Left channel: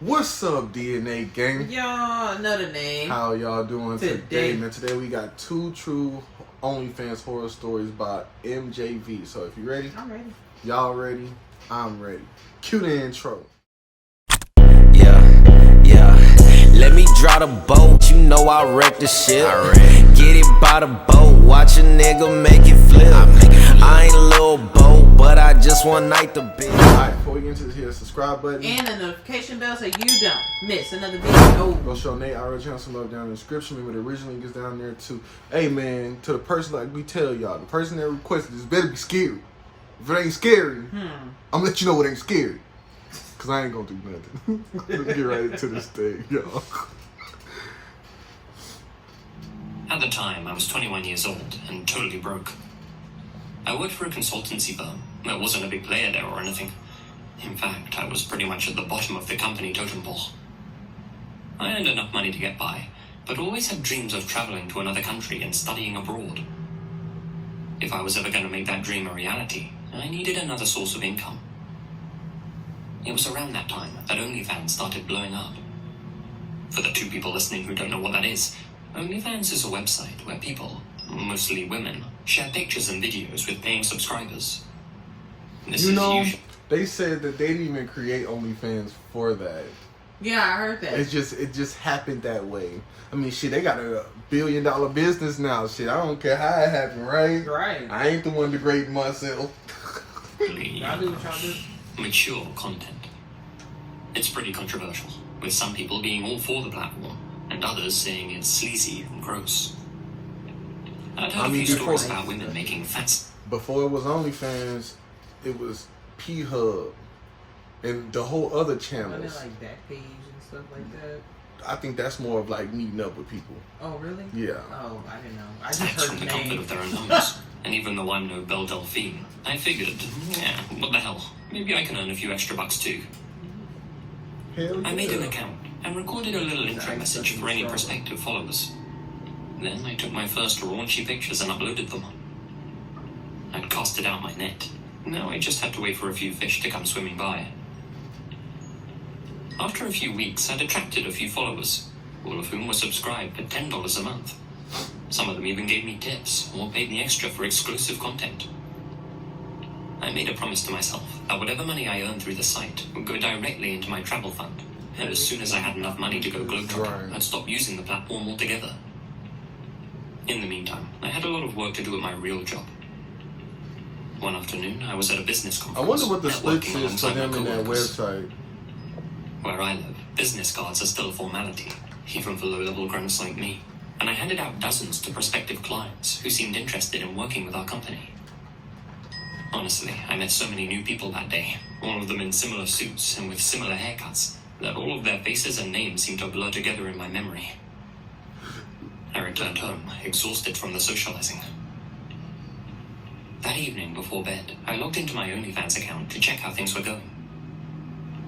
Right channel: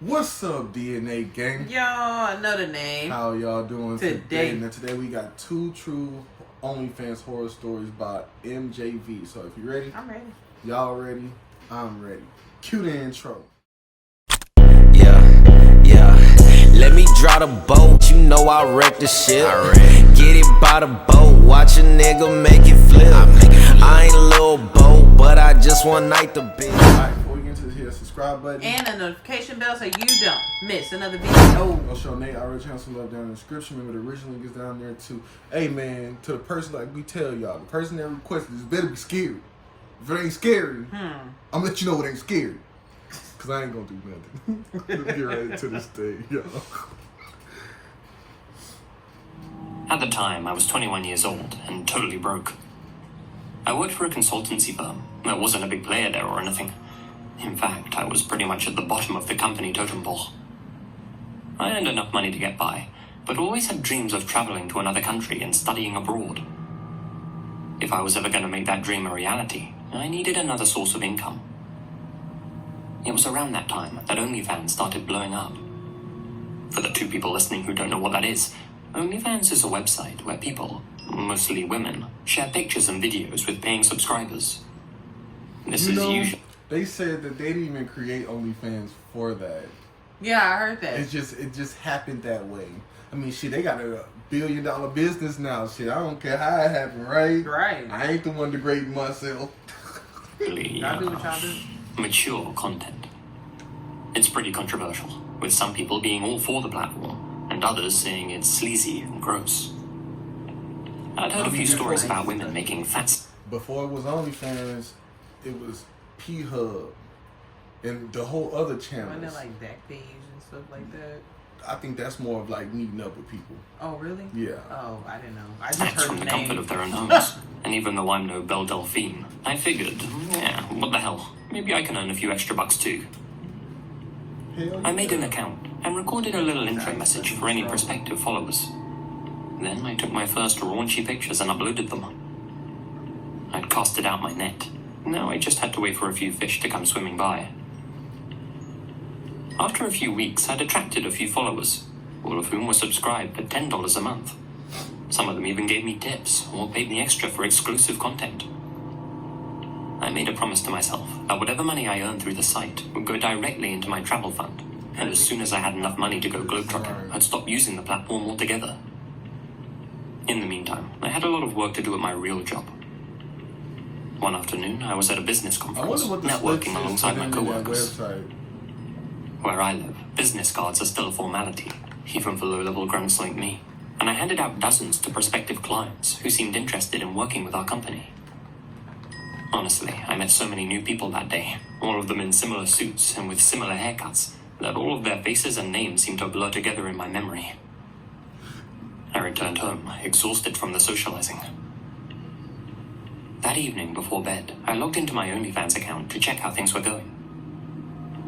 What's up, DNA gang? Y'all, another name. How y'all doing today? And today we got two true OnlyFans horror stories by MJV. So if you're ready, I'm ready. Y'all ready? I'm ready. Cue the intro. Yeah. Let me draw the boat. You know I wreck the ship. Get it by the boat. Watch a nigga make it flip. I ain't a little boat, but I just one night the bitch. Alright, before we get into this, hit the subscribe button and the notification bell so you don't miss another video. Go show Nate our channel some love down in the description. Remember the original link is down there too. Hey man, to the person, like we tell y'all, the person that requested this better be scary. If it ain't scary, I'm gonna let you know it ain't scary. Cause I ain't gonna do nothing. Let's get right into this thing, y'all. At the time, I was 21 years old and totally broke. I worked for a consultancy firm. I wasn't a big player there or anything. In fact, I was pretty much at the bottom of the company totem pole. I earned enough money to get by, but always had dreams of traveling to another country and studying abroad. If I was ever going to make that dream a reality, I needed another source of income. It was around that time that Onlyfans started blowing up. For the 2 people listening who don't know what that is, Onlyfans is a website where people, mostly women, share pictures and videos with paying subscribers. This You is know, usually... they said that they didn't even create OnlyFans for that. Yeah, I heard that. It just happened that way. I mean, shit, they got a $1 billion business now. Shit, I don't care how it happened, right? Right. I ain't the one degrading myself. Y'all do what y'all do. mature content. It's pretty controversial, with some people being all for the platform, and others saying it's sleazy and gross. I'd heard a few stories about women making fat... Before it was OnlyFans, it was P-Hub and the whole other channels. Wasn't there like Backpage and stuff like that? I think that's more of like meeting up with people. Oh, really? Yeah. Oh, I didn't know. I just Thanks heard from the the comfort name. of their own homes. And even though I'm no Belle Delphine, I figured, yeah, what the hell? Maybe I can earn a few extra bucks too. Hell I made an yeah. account and recorded a little intro message for any prospective followers. Then I took my first raunchy pictures and uploaded them. I'd casted out my net. Now I just had to wait for a few fish to come swimming by. After a few weeks, I'd attracted a few followers, all of whom were subscribed at $10 a month. Some of them even gave me tips or paid me extra for exclusive content. I made a promise to myself that whatever money I earned through the site would go directly into my travel fund, and as soon as I had enough money to go globetrotting, I'd stop using the platform altogether. In the meantime, I had a lot of work to do at my real job. One afternoon, I was at a business I conference, wonder what the split networking is for alongside my him in that coworkers. website. Where I live, business cards are still a formality, even for low-level grunts like me, and I handed out dozens to prospective clients who seemed interested in working with our company. Honestly, I met so many new people that day, all of them in similar suits and with similar haircuts, that all of their faces and names seemed to blur together in my memory. I returned home, exhausted from the socializing. That evening, before bed, I logged into my OnlyFans account to check how things were going.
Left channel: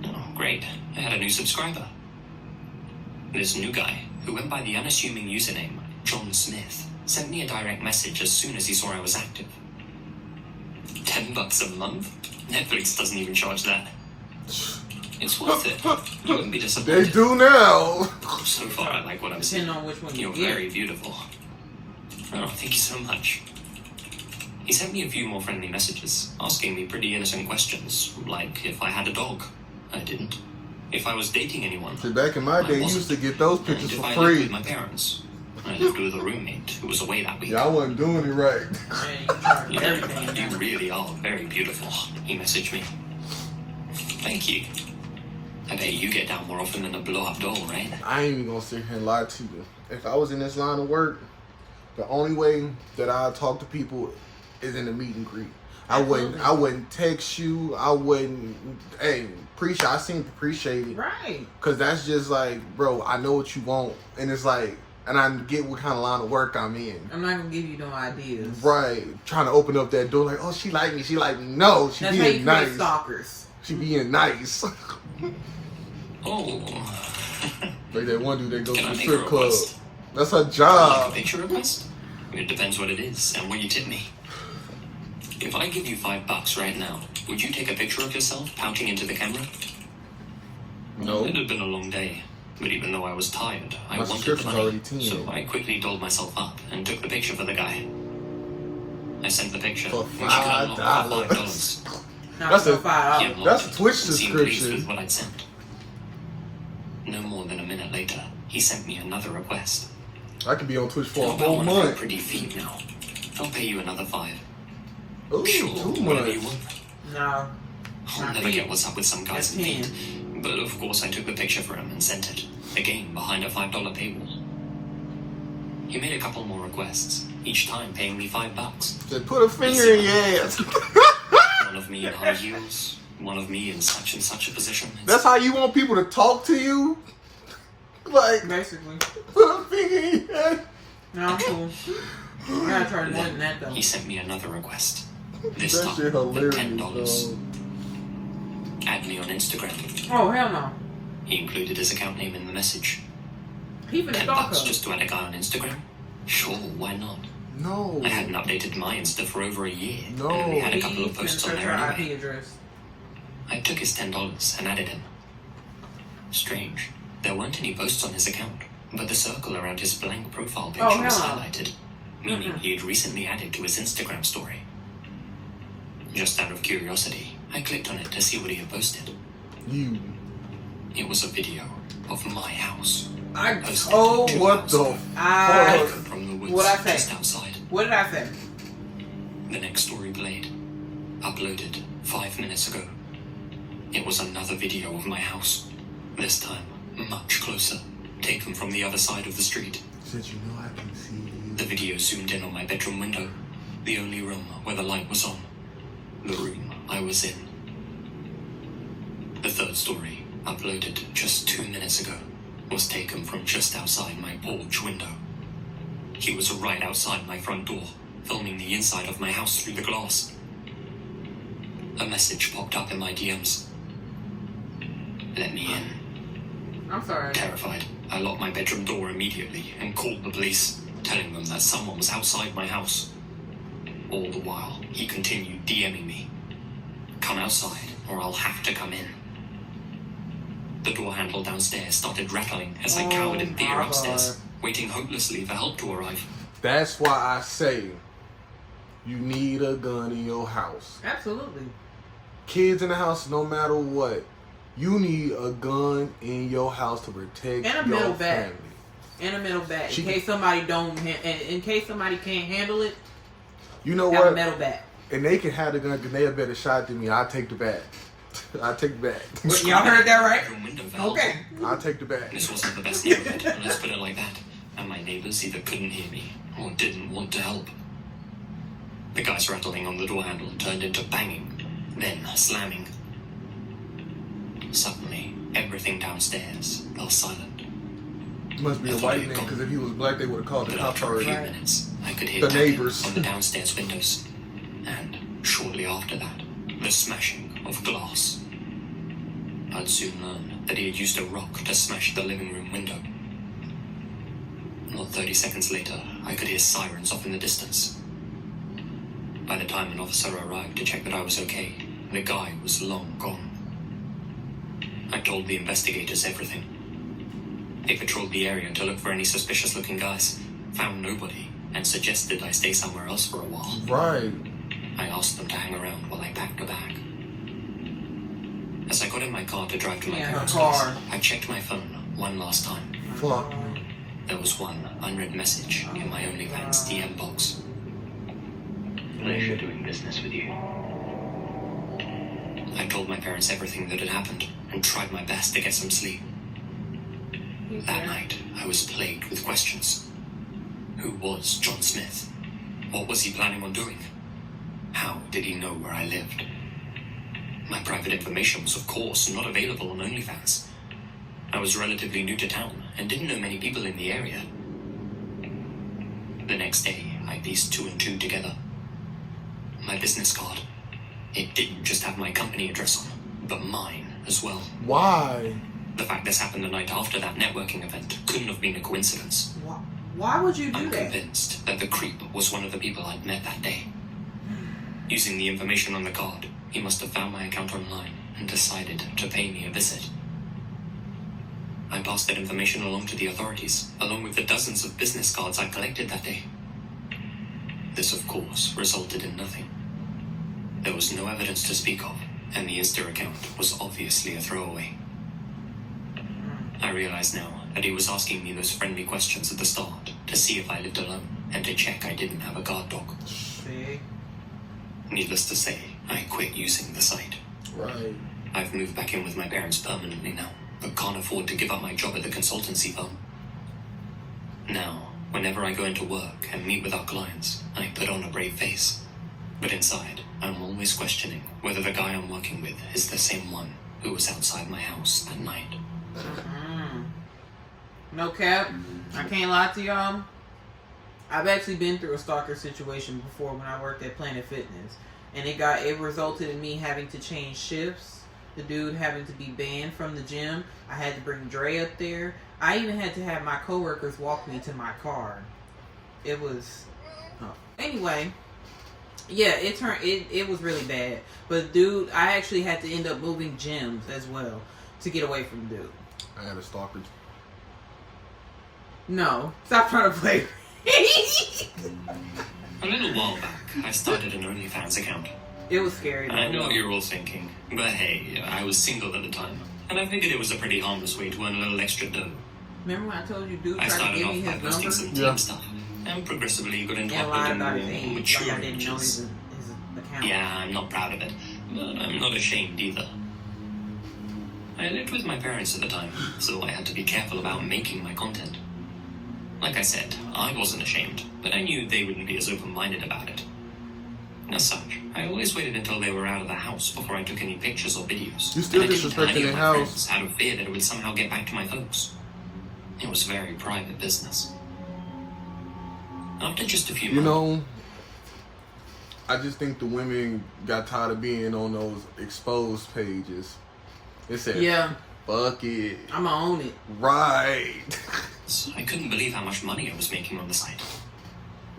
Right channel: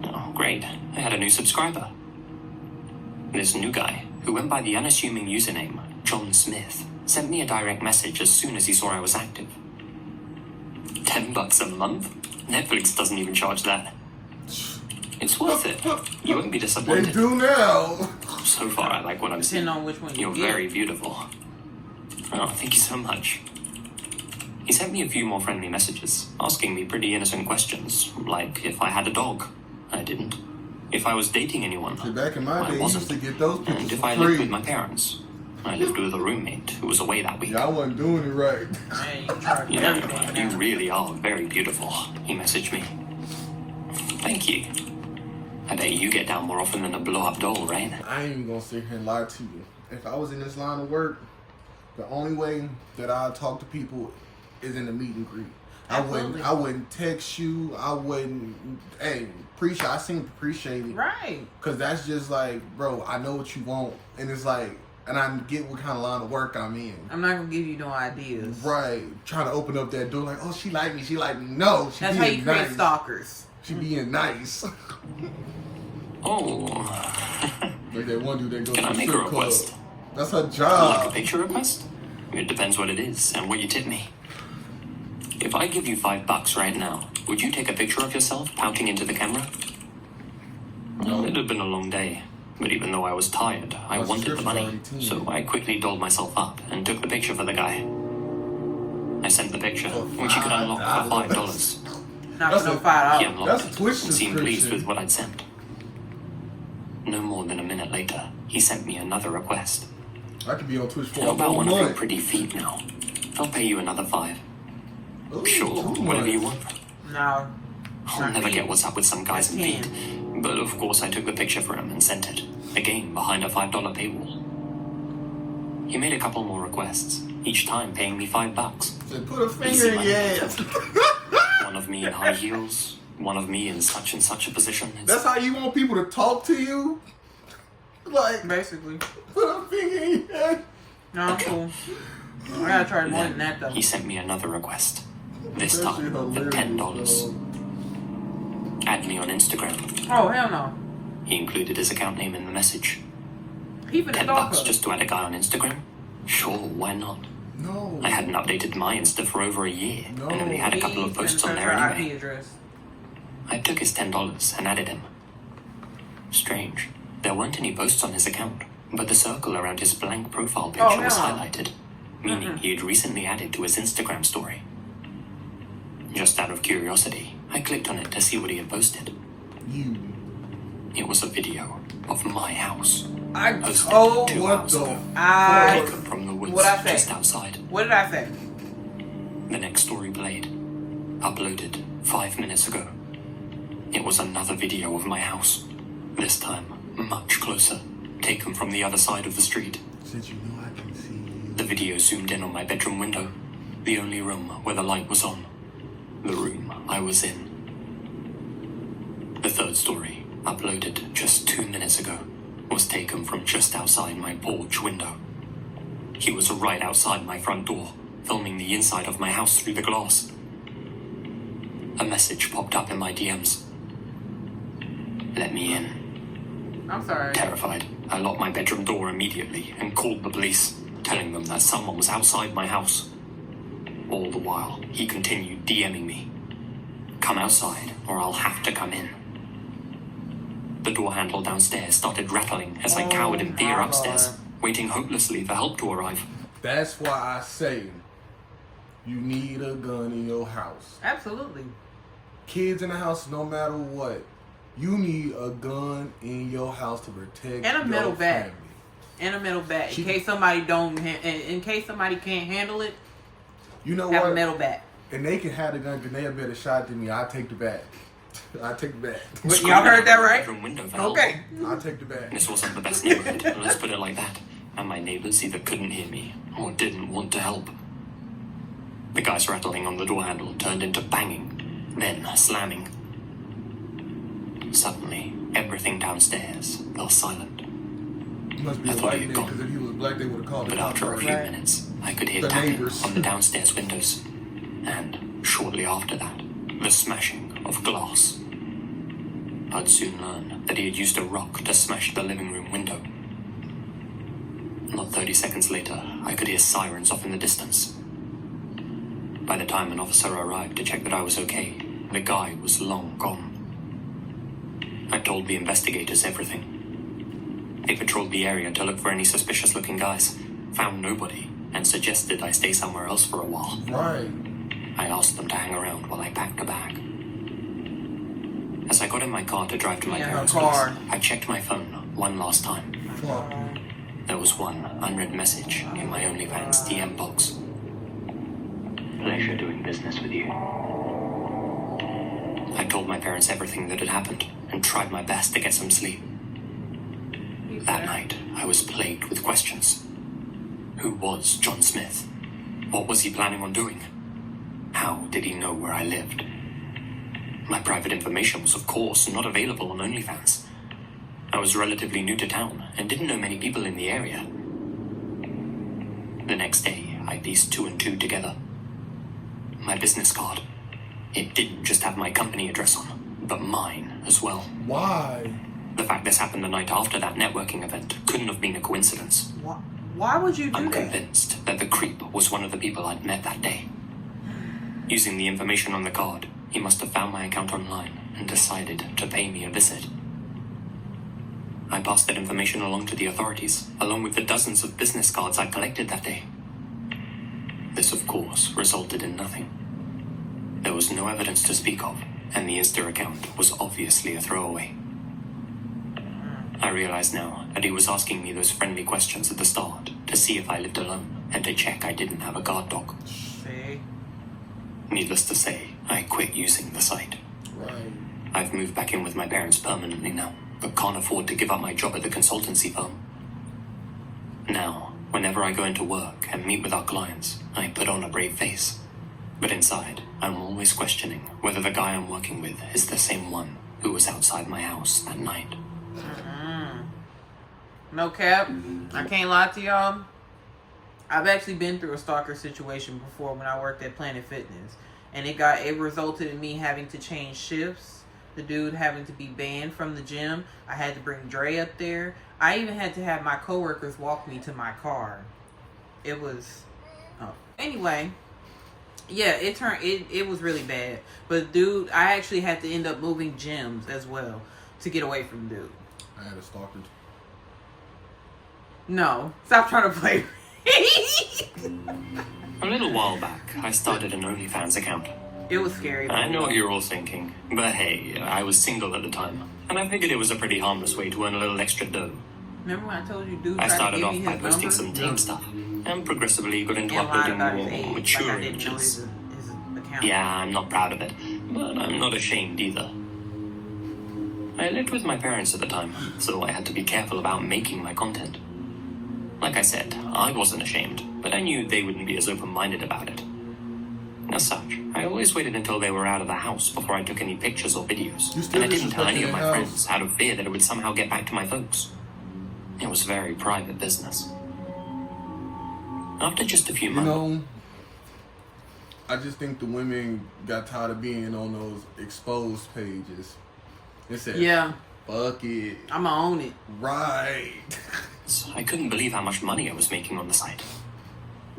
Oh, great. I had a new subscriber. This new guy, who went by the unassuming username John Smith, sent me a direct message as soon as he saw I was active. $10 a month? Netflix doesn't even charge that. It's worth it. You wouldn't be disappointed. They do now. So far, I like what I'm seeing. Depending on which one You're you get. very beautiful. Oh, thank you so much. He sent me a few more friendly messages, asking me pretty innocent questions, like if I had a dog. I didn't. If I was dating anyone. See, back in my I day, you used wasn't. to get those And pictures if for I lived with free. my parents. I lived with a roommate who was away that week. Y'all wasn't doing it right. Man, you charge You know, everything you now. really are very beautiful, he messaged me. Thank you. I bet you get down more often than a blow-up doll, right? I ain't even gonna sit here and lie to you. If I was in this line of work, the only way that I talk to people is in the meet and greet. I wouldn't text you. I wouldn't. Hey, I seem to appreciate it. Right. Cause that's just like, bro, I know what you want, and it's like, and I get what kind of line of work I'm in. I'm not gonna give you no ideas. Right, trying to open up that door like, oh, she like me. No, she That's how being you create nice. stalkers. She being nice. Oh. Like that one dude that goes Can to I the make a strip club. request? That's her Like a job. picture request? It depends what it is and what you tip me. If I give you $5 right now, would you take a picture of yourself pouting into the camera? No. It had been a long day, but even though I was tired, I wanted the money, so I quickly dolled myself up and took the picture for the guy. I sent the picture, For which he could unlock for $5. Not for $5. He unlocked That's it Twitch and seemed pleased subscription. with what I'd sent. No more than a minute later, he sent me another request. I could be on Twitch for a About whole one of your month. pretty feet now. I'll pay you another $5. Ooh, Sure, too whatever you much. want. No. I'll Not never feet. get what's up with some guys in That's feet. But of course I took the picture for him and sent it. Again, behind a $5 paywall. He made a couple more requests, each time paying me $5. Said, put a finger in your ass. One of me in high heels, one of me in such and such a position. That's how you want people to talk to you? Like, Basically. put a finger in your ass. No, I'm cool. I gotta try more than that though. He sent me another request. This That time shit for hilarious, $10. dog. Add me on Instagram. Oh hell no. He included his account name in the message. He finna $10 stalk us. just to add a guy on Instagram? Sure, why not? No. I hadn't updated my Insta for over a year. No. And only had a couple of He posts finna on search there our anyway. IP address. I took his $10 and added him. Strange. There weren't any posts on his account, but the circle around his blank profile picture Oh, was hell no. highlighted, meaning he had recently added to his Instagram story. Just out of curiosity, I clicked on it to see what he had posted. You. It was a video of my house. I Posted oh 2 What hours the ago, I taken from the woods What'd I say? just outside. what did I say? The next story played. Uploaded 5 minutes ago. It was another video of my house. This time, much closer. Taken from the other side of the street. Said, you know I can see you. The video zoomed in on my bedroom window. The only room where the light was on. The room I was in. The third story, uploaded just 2 minutes ago, was taken from just outside my porch window. He was right outside my front door, filming the inside of my house through the glass. A message popped up in my DMs. Let me in. I'm sorry. Terrified, I locked my bedroom door immediately and called the police, telling them that someone was outside my house. All the while, he continued DMing me. Come outside, or I'll have to come in. The door handle downstairs started rattling as I cowered in fear my upstairs, God. waiting hopelessly for help to arrive. That's why I say you need a gun in your house. Absolutely. Kids in the house, no matter what, you need a gun in your house to protect And a your metal bat. family. And a metal bat. She- In case somebody in case somebody can't handle it, You know have a what? metal bat. And they can have the gun because they a better shot than me. I'll take the bat. I'll take the bat. Y'all heard that right? Bedroom window valve. Okay. I'll take the bat. This wasn't the best neighborhood, let's put it like that. And my neighbors either couldn't hear me or didn't want to help. The guy's rattling on the door handle turned into banging, then slamming. Suddenly, everything downstairs fell silent. Must be I a thought white he had man because gone. if he was black, they would have called the But cops after a few already. minutes, I could hear The tapping neighbors. on the downstairs windows. And shortly after that, the smashing of glass. I'd soon learn that he had used a rock to smash the living room window. Not 30 seconds later, I could hear sirens off in the distance. By the time an officer arrived to check that I was okay, the guy was long gone. I told the investigators everything. They patrolled the area to look for any suspicious-looking guys, found nobody, and suggested I stay somewhere else for a while. Right. I asked them to hang around while I packed a bag. As I got in my car to drive to my Yeah, parents' car. place, I checked my phone one last time. Fuck. There was one unread message in my Onlyfans DM box. Pleasure doing business with you. I told my parents everything that had happened and tried my best to get some sleep. That night, I was plagued with questions. Who was John Smith? What was he planning on doing? How did he know where I lived? My private information was, of course, not available on OnlyFans. I was relatively new to town and didn't know many people in the area. The next day, I pieced 2 and 2 together. My business card. It didn't just have my company address on, but mine as well. Why? The fact this happened the night after that networking event couldn't have been a coincidence. Why would you do I'm that? convinced that the creep was one of the people I'd met that day. Using the information on the card, he must have found my account online and decided to pay me a visit. I passed that information along to the authorities, along with the dozens of business cards I collected that day. This, of course, resulted in nothing. There was no evidence to speak of, and the Insta account was obviously a throwaway. I realize now that he was asking me those friendly questions at the start to see if I lived alone and to check I didn't have a guard dog. See? Needless to say, I quit using the site. Right. I've moved back in with my parents permanently now, but can't afford to give up my job at the consultancy firm. Now, whenever I go into work and meet with our clients, I put on a brave face. But inside, I'm always questioning whether the guy I'm working with is the same one who was outside my house that night. No cap. I can't lie to y'all. I've actually been through a stalker situation before when I worked at Planet Fitness. And it resulted in me having to change shifts. The dude having to be banned from the gym. I had to bring Dre up there. I even had to have my coworkers walk me to my car. It was... Oh. Anyway. Yeah, it was really bad. But dude, I actually had to end up moving gyms as well to get away from dude. I had a stalker. No. Stop trying to play. A little while back, I started an Onlyfans account. It was scary. I know what you're all thinking, but hey, I was single at the time, and I figured it was a pretty harmless way to earn a little extra dough. Remember when I told you dude I tried to started give off me by his posting number? some team stuff, and progressively got into And lied uploading about more his age. mature Like I didn't know images. his account. Yeah, I'm not proud of it, but I'm not ashamed either. I lived with my parents at the time, so I had to be careful about making my content. Like I said, I wasn't ashamed, but I knew they wouldn't be as open-minded about it. As such, I always waited until they were out of the house before I took any pictures or videos. You still and I didn't tell any disrespecting of the my house. friends out of fear that it would somehow get back to my folks. It was very private business. After just a few You months... know, I just think the women got tired of being on those exposed pages. They said, Yeah, fuck it. I'ma own it. Right. I couldn't believe how much money I was making on the site.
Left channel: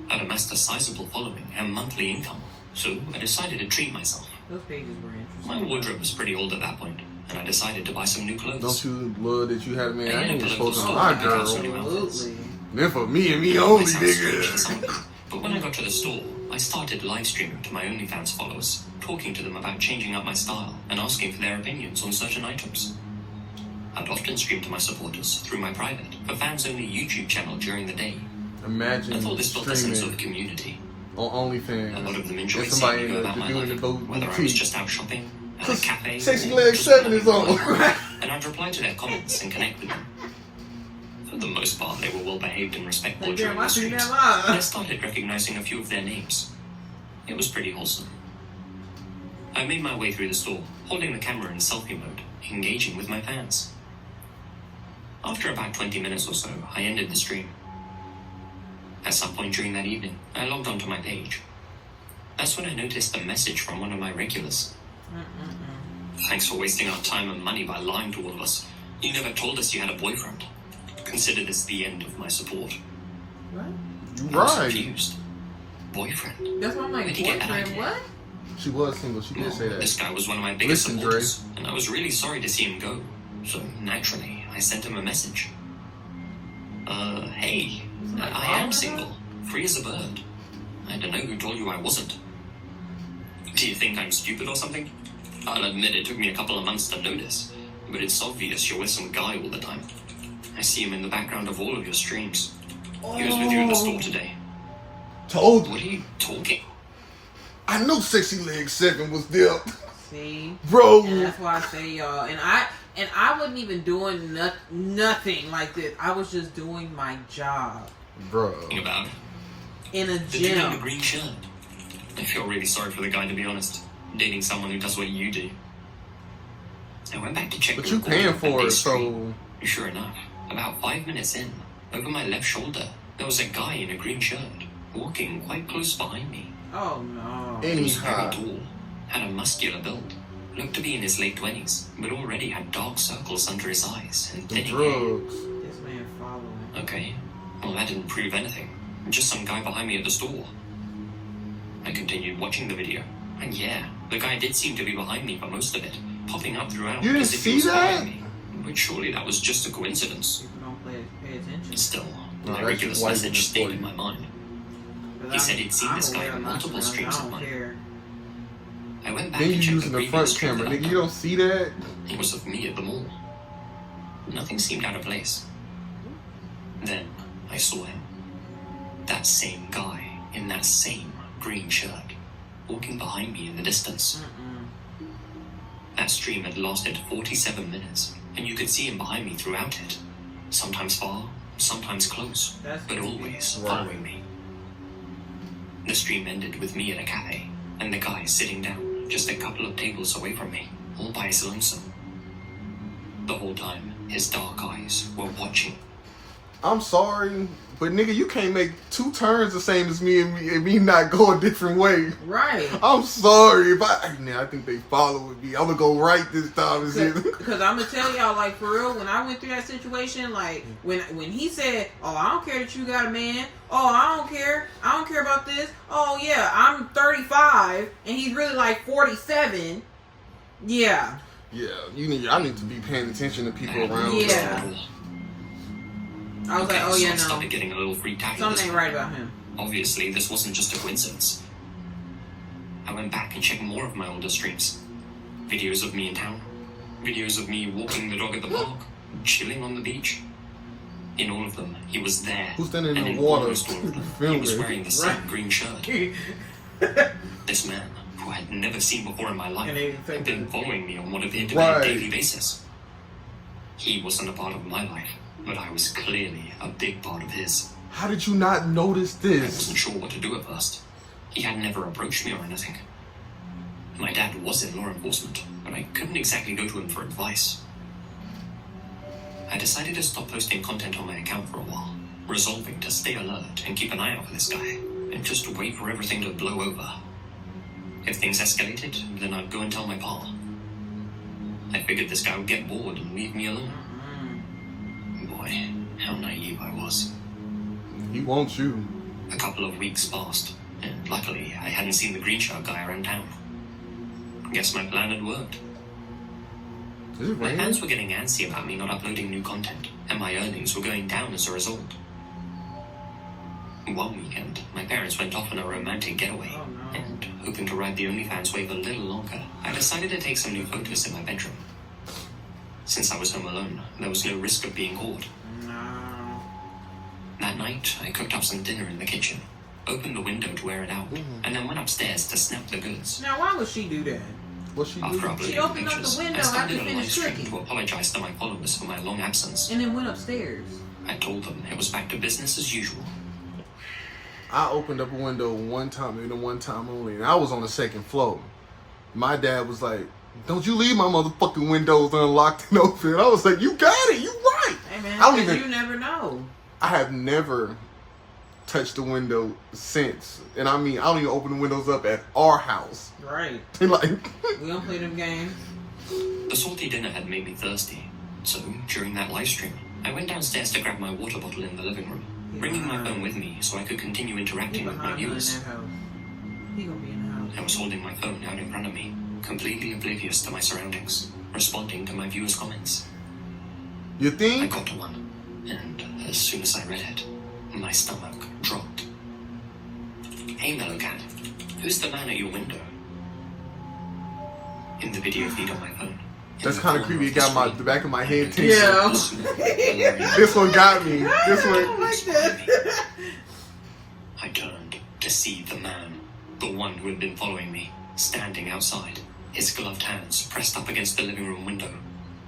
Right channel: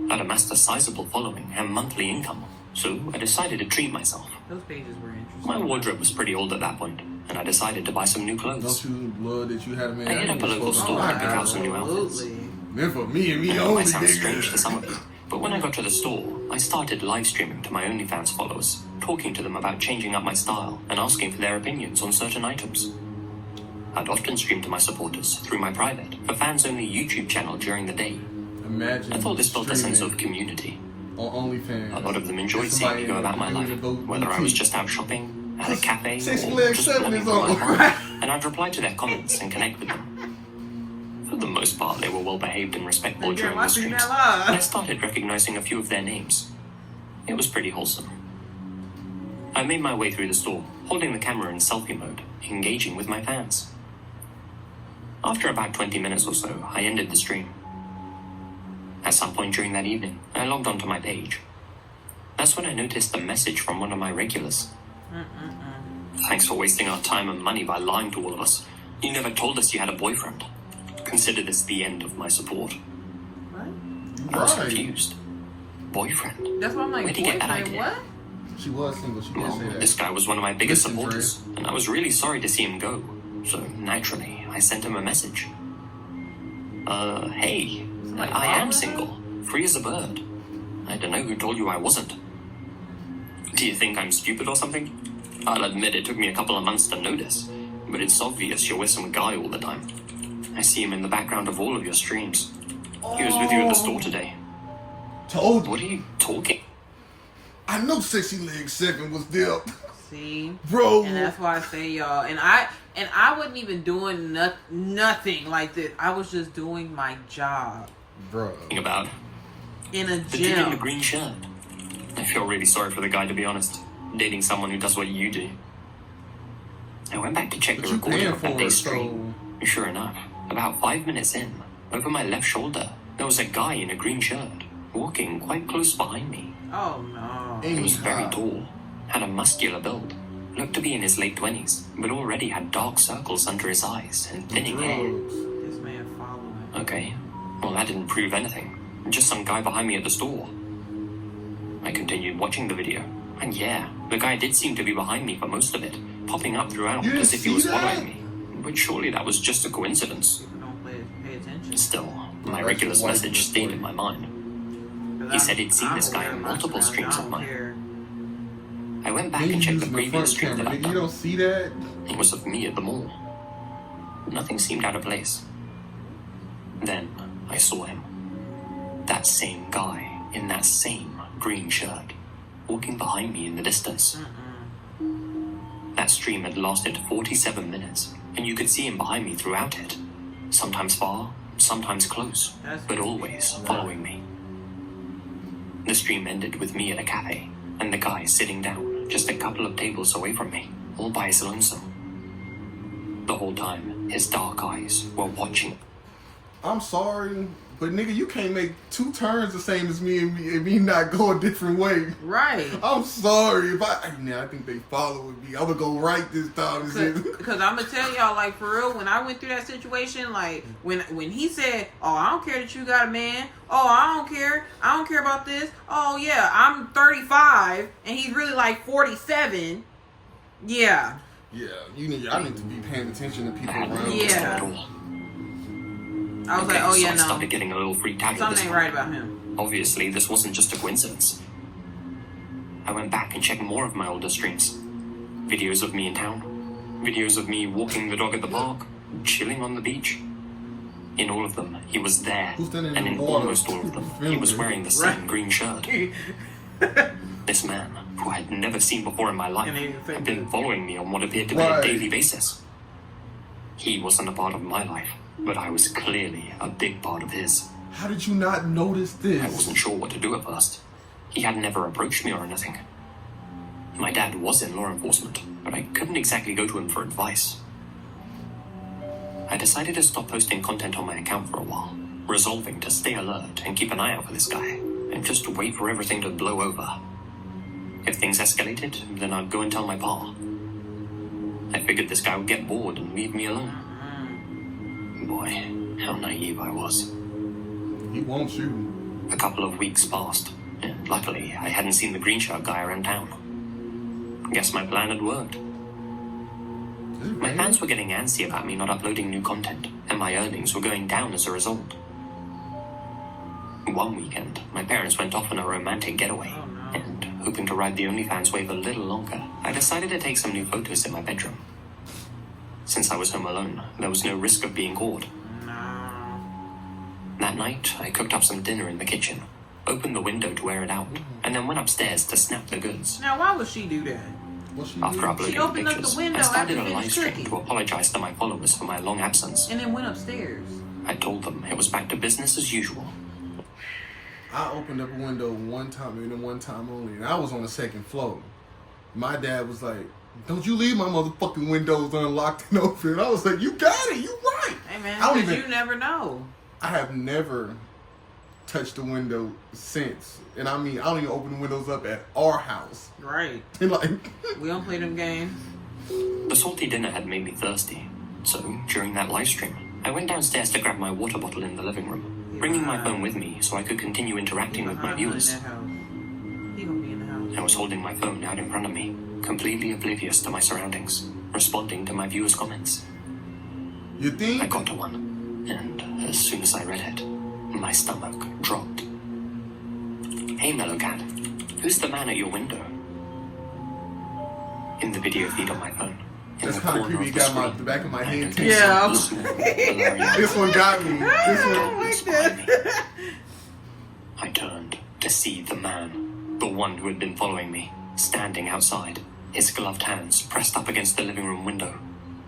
I'd amassed a sizable following and monthly income, so I decided to treat myself. Those pages were interesting. My wardrobe was pretty old at that point, and I decided to buy some new clothes. Don't you love that you had a man? I I ended ain't up supposed to at a my local girl. store. Absolutely. Then for me and me It only, might sound strange to some of nigga. you, but when I got to the store, I started live streaming to my Onlyfans followers, talking to them about changing up my style and asking for their opinions on certain items. I'd often stream to my supporters through my private, a fans-only YouTube channel during the day. Imagine I thought this built a sense of streaming community. on OnlyFans. A lot of them enjoyed With seeing somebody me go in about the my life, building boat whether I was boutique. just out shopping, at a cafe, Sexy or Leg just 7 loving is my on. life. And I'd reply to their comments and connect with them. For the most part, they were well-behaved and respectful Hey, during damn, the I seen streams. that And I live. started recognizing a few of their names. It was pretty wholesome. I made my way through the store, holding the camera in selfie mode, engaging with my fans. After about 20 minutes or so, I ended the stream. At some point during that evening, I logged onto my page. That's when I noticed a message from one of my regulars. Thanks for wasting our time and money by lying to all of us. You never told us you had a boyfriend. Consider this the end of my support. What? I was Right. confused. Boyfriend? That's why I'm like, Where'd you get that boyfriend, idea? what? She was single. She did say This that. guy was one of my biggest Listen, supporters, and I was really sorry to see him go. So, naturally, I sent him a message. Hey, Somebody I am following single, free as a bird. I don't know who told you I wasn't. Do you think I'm stupid or something? I'll admit it took me a couple of months to notice, but it's obvious you're with some guy all the time. I see him in the background of all of your streams. He was with you in the store today. Told What you. are you talking? I know Sexy Leg 7 was there. See? Bro. And that's why I say, y'all. And I wasn't even doing nothing like this. I was just doing my job Bro. About in a the dude in the gym. green shirt. I feel really sorry for the guy, to be honest. Dating someone who does what you do. I went back to check But the you recording paying of that for it, day's stream. so... Sure enough, about 5 minutes in, over my left shoulder, there was a guy in a green shirt, walking quite close behind me. Oh no. He was very Anyhow. tall, had a muscular build, looked to be in his late 20s, but already had dark circles under his eyes and The thinning hair. drugs. This man following. Okay, well that didn't prove anything. Just some guy behind me at the store. I continued watching the video, and yeah, the guy did seem to be behind me for most of it, popping up throughout You didn't as if he see was that? following me. But surely that was just a coincidence. People don't pay attention. Still, No, my that's regular just white message people stayed for in you. my mind. Cause He said he'd seen I'm this guy aware on of my multiple surroundings. streams I of don't mine. care. I went back Then you and checked using the the previous front stream camera, that I'd nigga. You done. don't see that? It was of me at the mall. Nothing seemed out of place. Then I saw him. That same guy in that same green shirt, walking behind me in the distance. That stream had lasted 47 minutes, and you could see him behind me throughout it. Sometimes far, sometimes close, but always following me. The stream ended with me at a cafe, and the guy sitting down just a couple of tables away from me, all by his lonesome. The whole time, his dark eyes were watching. I'm sorry, but nigga, you can't make two turns the same as me and me not go a different way. Right. I'm sorry if I think they following me. I'm gonna go right this time. Because I'm gonna tell y'all, like, for real, when I went through that situation, like, when he said, oh, I don't care that you got a man, oh, I don't care about this, oh yeah, I'm 35 and he's really like 47. Yeah. Yeah, I need to be paying attention to people around. Yeah. I was like, oh yeah, I no, started getting a little freaked out. something ain't right about him. Obviously, this wasn't just a coincidence. I went back and checked more of my older streams. Videos of me in town. Videos of me walking the dog at the park. Chilling on the beach. In all of them, he was there. Who's standing and in the in water almost all of them, he was wearing the same green shirt. This man, who I had never seen before in my life, had been following me on what appeared to be a daily basis. He wasn't a part of my life, but I was clearly a big part of his. How did you not notice I this? wasn't sure what to do at first. He had never approached me or anything. My dad was in law enforcement, but I couldn't exactly go to him for advice. I decided to stop posting content on my account for a while, resolving to stay alert and keep an eye out for this guy, and just wait for everything to blow over. If things escalated, then I'd go and tell my pa. I figured this guy would get bored and leave me alone. Boy, how naive I was. He wants you. A couple of weeks passed, and luckily I hadn't seen the green shirt guy around town. Guess my plan had worked. Is it My raining? fans were getting antsy about me not uploading new content, and my earnings were going down as a result. One weekend, my parents went off on a romantic getaway, and hoping to ride the Onlyfans wave a little longer, I decided to take some new photos in my bedroom. Since I was home alone, there was no risk of being caught. That night, I cooked up some dinner in the kitchen, opened the window to air it out, and then went upstairs to snap the goods. Now, why would she do that? What she After do? uploading She opened the up the pictures, window I started after a live finished stream cooking. to apologize to my followers for my long absence. And then went upstairs. I told them it was back to business as usual. I opened up a window one time and then one time only, and I was on the second floor. My dad was like, "Don't you leave my motherfucking windows unlocked and open." I was like, "You got it, you right." Hey man, I don't 'cause even- you never know. I have never touched the window since, and I mean, I don't even open the windows up at our house. Right. And like, We don't play them games. The salty dinner had made me thirsty, so during that live stream, I went downstairs to grab my water bottle in the living room, bringing my phone with me so I could continue He interacting with my behind her in viewers. that house. He gonna be in the house. I was holding my phone out in front of me, completely oblivious to my surroundings, responding to my viewers' comments. you I think? got to one, and as soon as I read it, my stomach dropped. "Hey, Mellowcat, who's the man at your window?" In the video feed on my phone. That's kind of creepy. It got the back of my head tingled. Yeah. This one got me. This I one. don't like that. I turned to see the man, the one who had been following me, standing outside, his gloved hands pressed up against the living room window,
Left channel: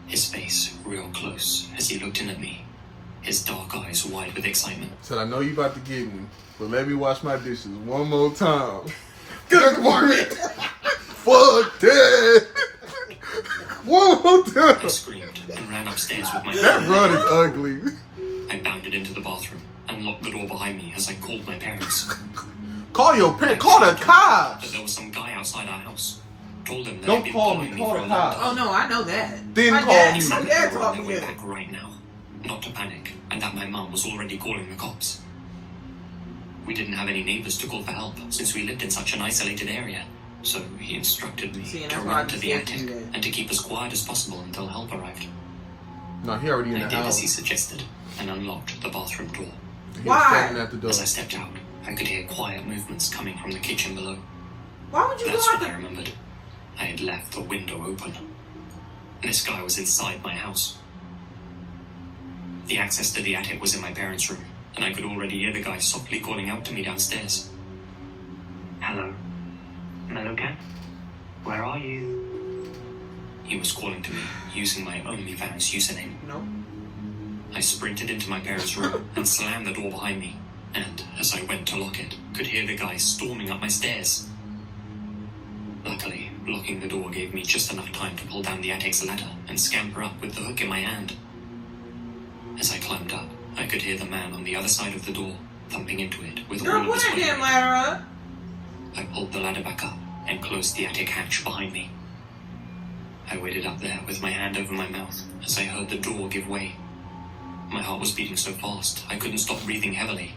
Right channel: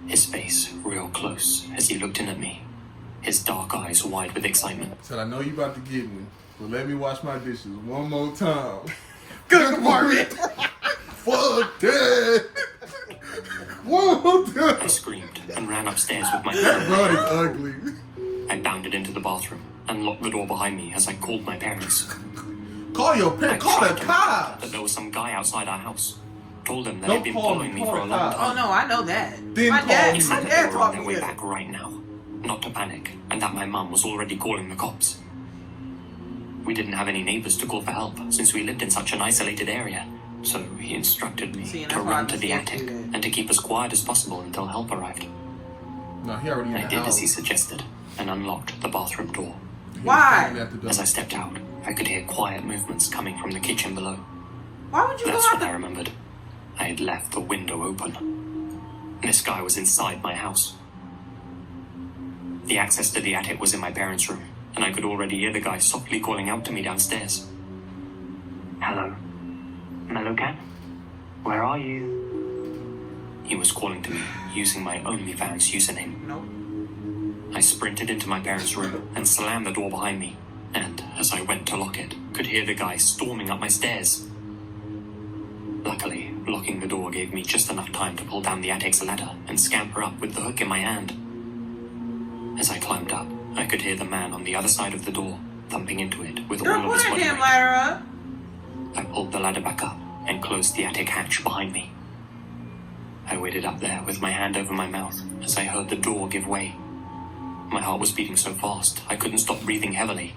his face real close as he looked in at me, his dark eyes wide with excitement. Said, "I know you about to get me, but let me wash my dishes one more time." Good morning. Fuck that. One more I time. screamed and ran upstairs with my That phone. run is ugly. I bounded into the bathroom and locked the door behind me as I called my parents. Call your parents. Call the cops. That there was some guy outside our house. Told them that Don't he'd been call following me, me call for the a long cops. time. Oh no, I know that. Then my call dad, me. my dad I taught me went that. back right now, not to panic, and that my mum was already calling the cops. We didn't have any neighbors to call for help since we lived in such an isolated area, so he instructed me See, and to that's why I run to be the scared to attic do that. and to keep as quiet as possible until help arrived. No, he already in I the did as house. he suggested and unlocked the bathroom door. He was Why? standing at the door. As I stepped out, I could hear quiet movements coming from the kitchen below. Why would you go That's out when I the... remembered. I had left the window open. This guy was inside my house. The access to the attic was in my parents' room, and I could already hear the guy softly calling out to me downstairs. Hello? Hello, Cat? Where are you? He was calling to me, using my Onlyfans username. Nope. I sprinted into my parents' room and slammed the door behind me, and as I went to lock it, could hear the guy storming up my stairs. Luckily, locking the door gave me just enough time to pull down the attic's ladder and scamper up with the hook in my hand. As I climbed up, I could hear the man on the other side of the door thumping into it with Girl, all pull of his that weight. damn ladder up. I pulled the ladder back up and closed the attic hatch behind me. I waited up there with my hand over my mouth as I heard the door give way. My heart was beating so fast, I couldn't stop breathing heavily.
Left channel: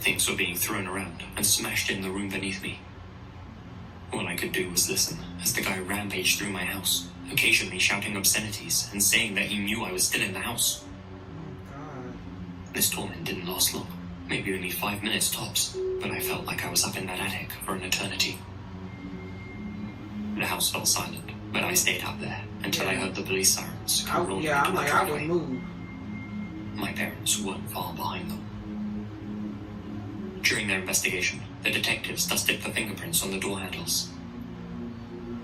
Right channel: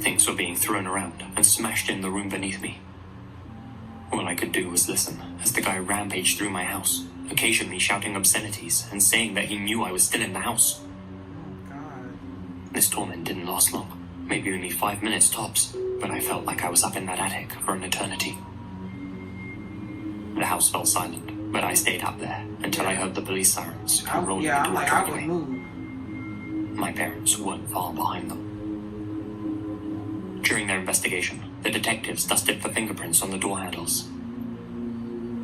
Things were being thrown around and smashed in the room beneath me. All I could do was listen as the guy rampaged through my house, occasionally shouting obscenities and saying that he knew I was still in the house. Oh, God. This torment didn't last long, maybe only 5 minutes tops, but I felt like I was up in that attic for an eternity. The house fell silent, but I stayed up there until I heard the police sirens come rolling into I'm my like, I would driveway. move. My parents weren't far behind them. During their investigation, the detectives dusted for fingerprints on the door handles.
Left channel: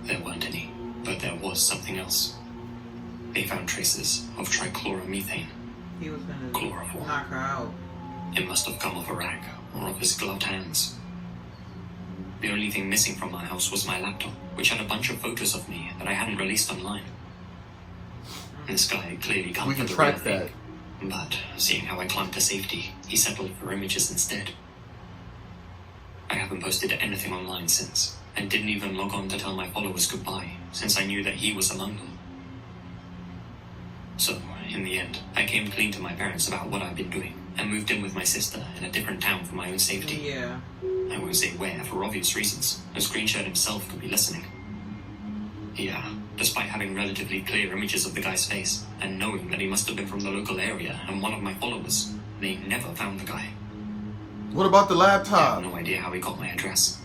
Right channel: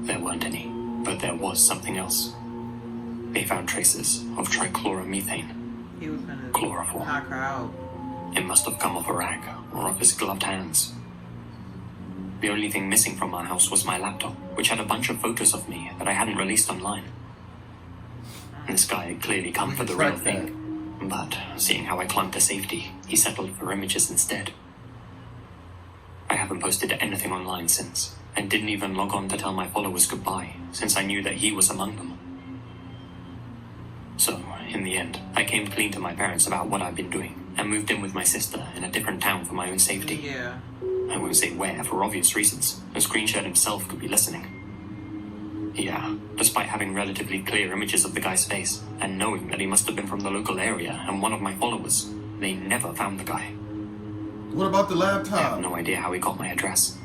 There weren't any, but there was something else. They found traces of trichloromethane. He was gonna Chloroform. knock her out. It must have come off a rag or off his gloved hands. The only thing missing from my house was my laptop, which had a bunch of photos of me that I hadn't released online. This guy had clearly come We for can the track real thing, but seeing how I clung to safety, he settled for images instead. I haven't posted anything online since, and didn't even log on to tell my followers goodbye, since I knew that he was among them. So, in the end, I came clean to my parents about what I'd been doing, and moved in with my sister in a different town for my own safety. Yeah. I won't say where for obvious reasons, as Greenshirt himself could be listening. Yeah, despite having relatively clear images of the guy's face, and knowing that he must have been from the local area and one of my followers, they never found the guy. What about the I have laptop? no idea how he got my address.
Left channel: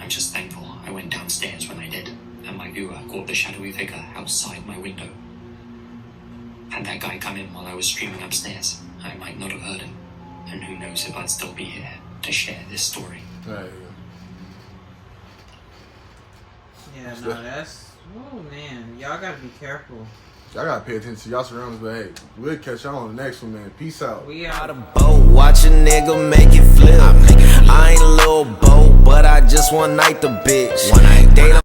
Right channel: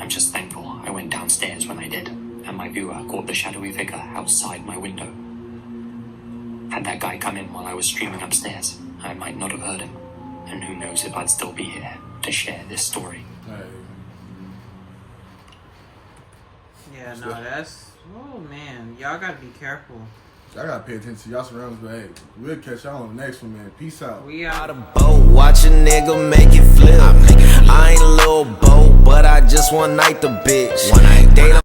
I'm just thankful I went downstairs when I did, and my viewer caught the shadowy figure outside my window. Had that guy come in while I was streaming upstairs, I might not have heard him, and who knows if I'd still be here to share this story. Hey, Yeah, no, that's... Oh, man. Y'all gotta be careful. y'all gotta pay attention to y'all surroundings, but hey, we'll catch y'all on the next one, man. Peace out. We Out are... of boat, watch a nigga make it flip. I ain't a little boat, but I just one night the bitch. They don't